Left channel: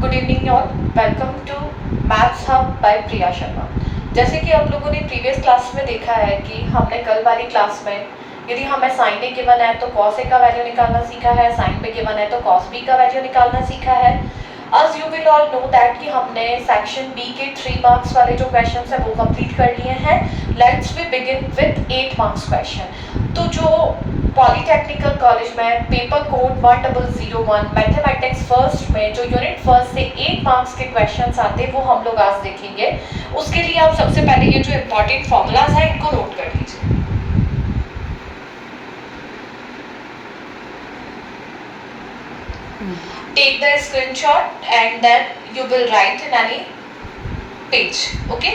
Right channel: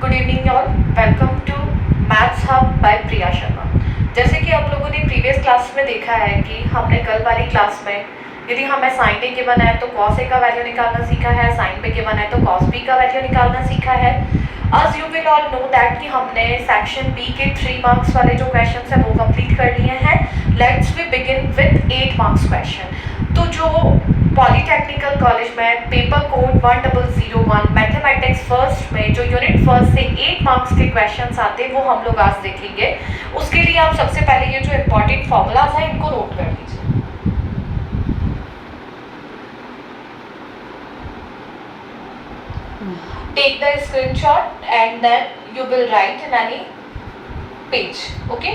Good evening all, welcome to maths hub by Priya Sharma. जैसे कि आप लोगों ने प्रीवियस क्लास में देखा है कि हमने कल वाली क्लास में यदि हमें साइन ए गिवन है तो कॉस ए का वैल्यू निकालना सीखा है, साइन बी गिवन है तो कॉस बी का वैल्यू निकालना सीखा है। आज you will all know that कि हमने सेक्शन बी के 3 मार्क्स वाले जो क्वेश्चन है वो कंप्लीट कर लिए हैं। Let's we begin with 8 marks question. तो जो पॉलीटेक्निकल कॉलेज में पेपर कोड 1001 मैथमेटिक्स फर्स्ट में जो यूनिट फर्स्ट से 8 मार्क्स के क्वेश्चंस आते हैं वो हम लोग आज देखेंगे। उसके लिए आप सबसे पहले ये जो इम्पोर्टेंट फॉर्मूलाज हैं इनको नोट कर लीजिए। Take the screenshot and then you will write in any page. Okay?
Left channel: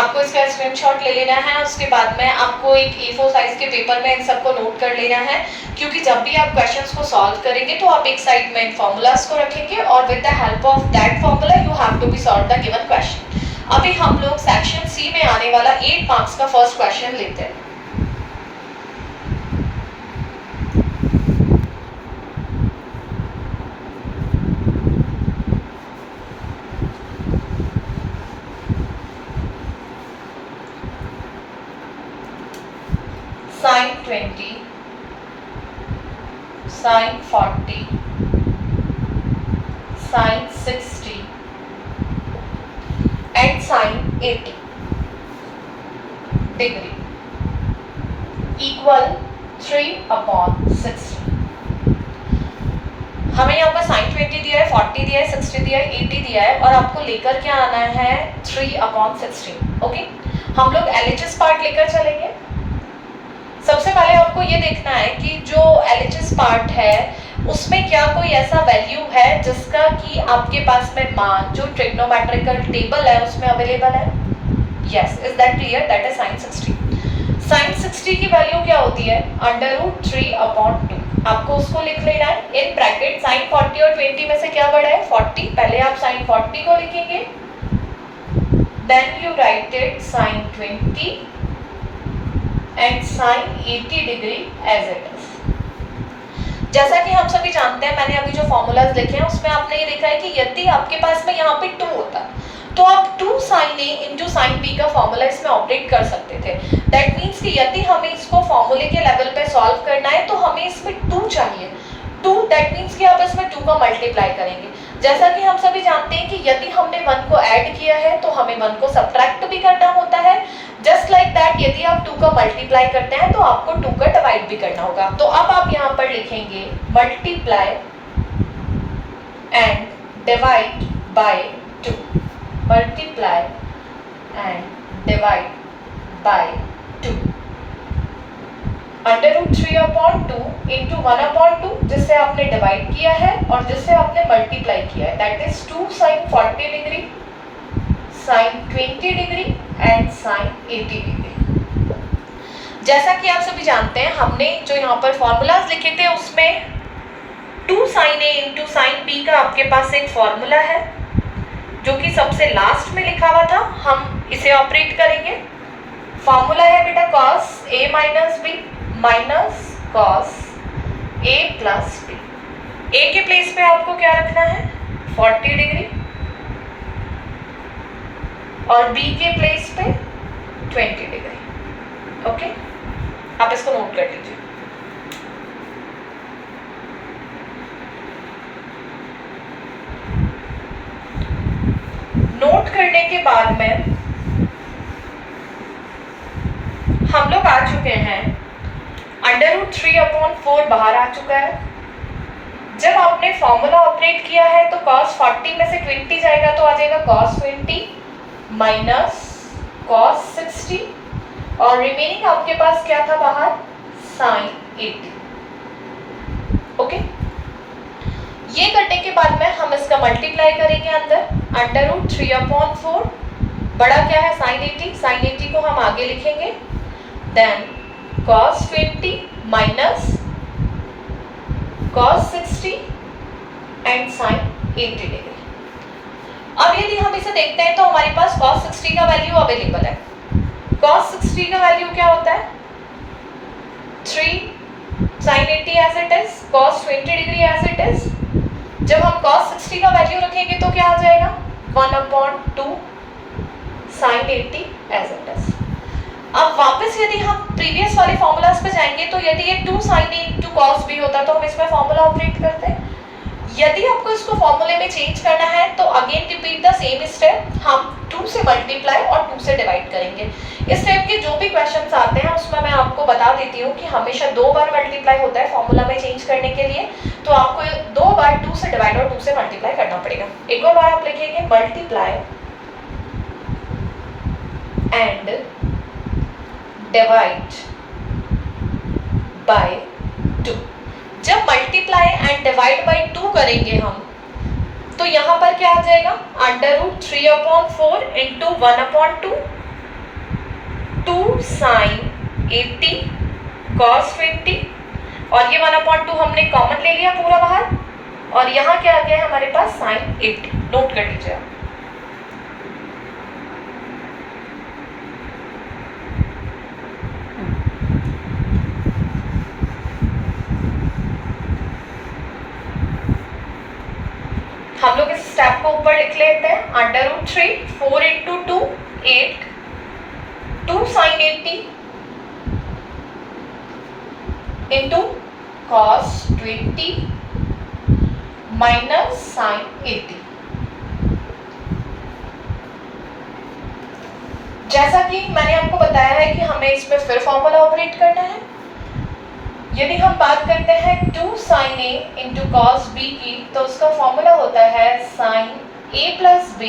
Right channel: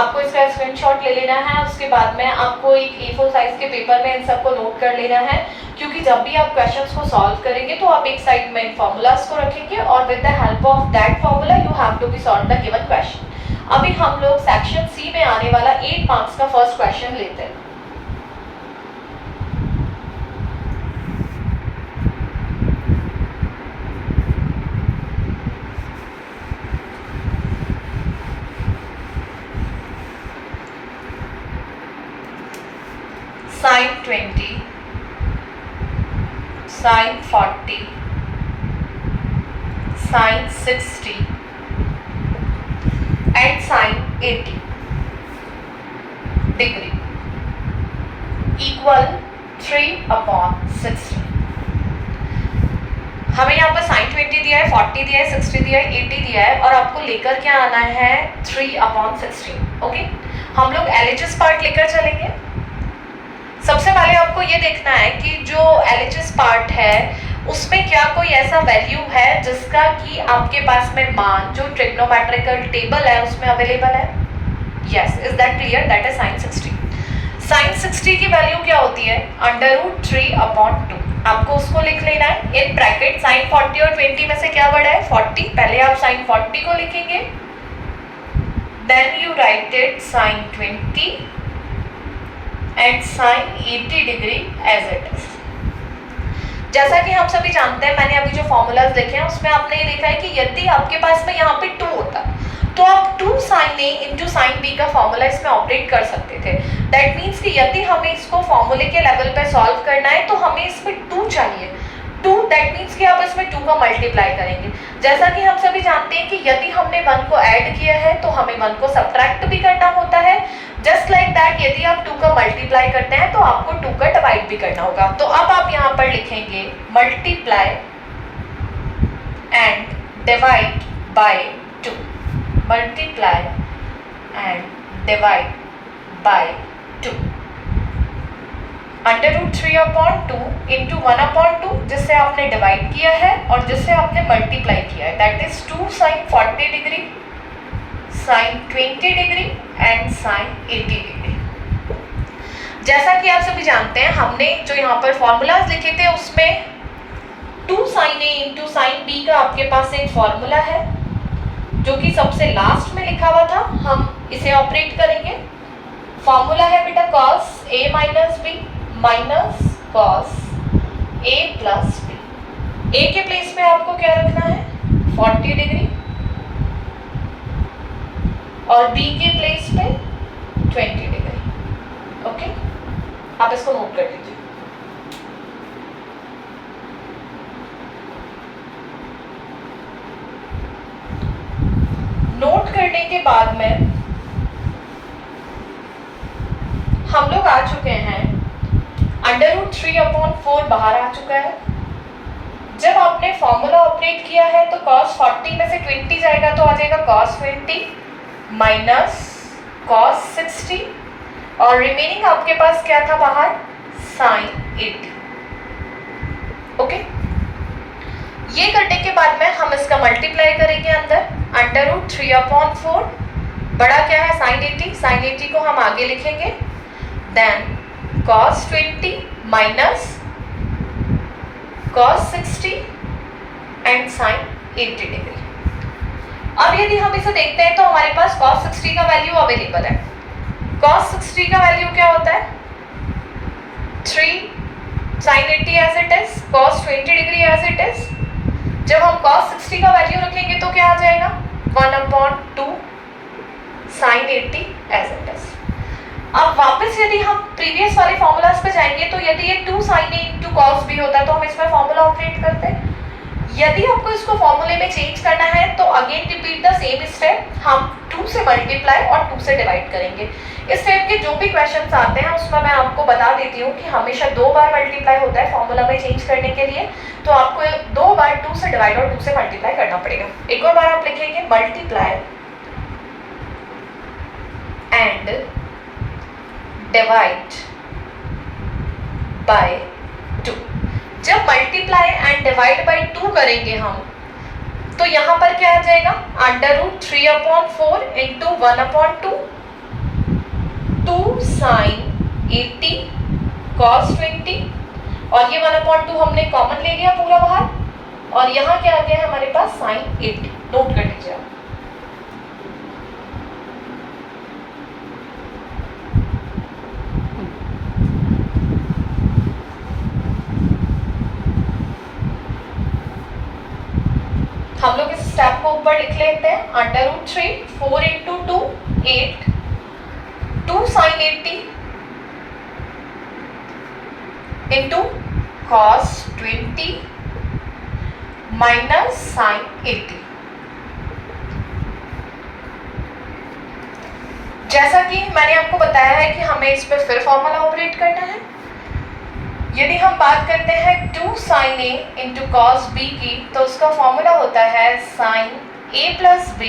आपको इसका स्क्रीनशॉट ले लेना है। उसके बाद में आपको एक A4 साइज के पेपर में इन सबको नोट कर लेना है, क्योंकि जब भी आप क्वेश्चंस को सॉल्व करेंगे तो आप एक साइड में इन फॉर्मूलाज को रखेंगे और with the help of that formula you have to be solve the given question. अभी हम लोग सेक्शन सी में आने वाला 8 मार्क्स का फर्स्ट क्वेश्चन लेते हैं। sin 20, sin 40, sin 60 and sin 80 degree equal 3/60। हमें यहाँ पर sin 20 दिया है, 40 दिया है, 60 दिया है, 80 दिया है और आपको लेकर क्या आना है 3/60। ओके, हम लोग LHS पार्ट लेकर चलेंगे। सबसे पहले आपको ये देखना है कि जो LHS पार्ट है उसमें क्या कोई ऐसा वैल्यू है जिसका कि आपके पास में मान जो ट्रिग्नोमेट्रिकल टेबल है उसमें अवेलेबल है। Yes, is that clear? That is sin 60। sin 60 की वैल्यू क्या होती है? √3/2। आपको उसको लिख लेना है इन ब्रैकेट। sin 40 और 20 में से क्या बड़ा है? 40। पहले आप sin 40 को लिखेंगे, then you write it sin 20 and sin 80 degree as it is. जैसा कि हम सभी जानते हैं, मैंने अभी जो फॉर्मूलाज लिखे हैं उसमें आपने ये देखा है कि यदि आपके पास में यहाँ पे 2 होता तो आप 2 sin A into sin B का फॉर्मूला इसमें ऑपरेट कर सकते थे। दैट मीन्स कि यदि हमें इसको फॉर्मूले के लेवल पे सॉल्व करना है तो हमें इसमें 2 चाहिए। 2 दैट मीन्स कि आप इसमें 2 का मल्टीप्लाई करेंगे। जैसा कि हम सभी जानते हैं कि यदि हमने 1 को ऐड किया है तो हमें 1 को सब्ट्रैक्ट भी करना होता है। जस्ट लाइक दैट यदि आप 2 का मल्टीप्लाई करते हैं तो आपको 2 का डिवाइड भी करना होगा। तो अब आप यहाँ पर लिखेंगे multiply and divide by 2, multiply and divide by 2, √3/2 into 1/2 जिससे आपने डिवाइड किया है और जिससे आपने मल्टीप्लाई किया है। That is 2 sin 40 degree, sin 20 degree and sin 80 degree. जैसा कि आप सभी जानते हैं हमने जो यहाँ पर फॉर्मूलाज लिखे थे उसमें 2 sin A into sin B का आपके पास एक फॉर्मूला है जो कि सबसे लास्ट में लिखा हुआ था। हम इसे ऑपरेट करेंगे। फॉर्मूला है बेटा cos A minus B minus cos A plus B। A के प्लेस पे आपको क्या रखना है 40 डिग्री और B के प्लेस पे 20 डिग्री। ओके, आप इसको नोट कर लीजिए। नोट करने के बाद में हम लोग आ चुके हैं, √3/4 बाहर आ चुका है। जब आपने फॉर्मूला ऑपरेट किया है तो cos 40 में से 20 जाएगा तो आ जाएगा cos 20 माइनस cos 60 और रिमेनिंग आपके पास क्या था बाहर sin 80। ओके, ये करने के बाद में हम इसका मल्टीप्लाई करेंगे अंदर। √3/4 बड़ा क्या है sin 80, sin 80 को हम आगे लिखेंगे, then cos 20 minus cos 60 and sin 80 degree. अब यदि हम इसे देखते हैं तो हमारे पास cos 60 का वैल्यू अवेलेबल है। cos 60 का वैल्यू क्या होता है 3 sin 80 as it is, cos 20 degree as it is, जब हम cos 60 का वैल्यू रखेंगे तो क्या आ जाएगा 1/2 sin 80 एज इट इज। अब वापस यदि हम प्रीवियस वाले फॉर्मूलाज पे जाएंगे तो यदि ये 2 sin A into cos B होता तो हम इसमें फॉर्मूला ऑपरेट करते हैं। यदि आपको इसको फॉर्मूले में चेंज करना है तो again repeat the same step, हम 2 से मल्टीप्लाई और 2 से डिवाइड करेंगे। इस टाइप के जो भी क्वेश्चंस आते हैं उसमें मैं आपको बता देती हूँ कि हमेशा 2 बार मल्टीप्लाई होता है फॉर्मूला में चेंज करने के लिए, तो आपको 2 बार 2 से डिवाइड और 2 से मल्टीप्लाई करना पड़ेगा। एक और बार आप लिखेंगे मल्टीप्लाई एंड डिवाइड बाय 2। जब मल्टीप्लाई एंड डिवाइड बाय 2 करेंगे हम तो यहाँ पर क्या आ जाएगा √3/4 इंटू 1/2 2 sin 80 cos 20 और ये 1/2 हमने कॉमन ले लिया पूरा बाहर और यहाँ क्या आ गया हमारे पास sin 80। नोट कर लीजिए। हम लोग इस स्टेप को ऊपर लिख लेते हैं √3 4 into 2 8 2 sin 80 into cos 20 minus sin 80। जैसा कि मैंने आपको बताया है कि हमें इस पर फिर फॉर्मूला ऑपरेट करना है। यदि हम बात करते हैं 2 sin A into cos B की तो उसका फॉर्मूला होता है sin A प्लस B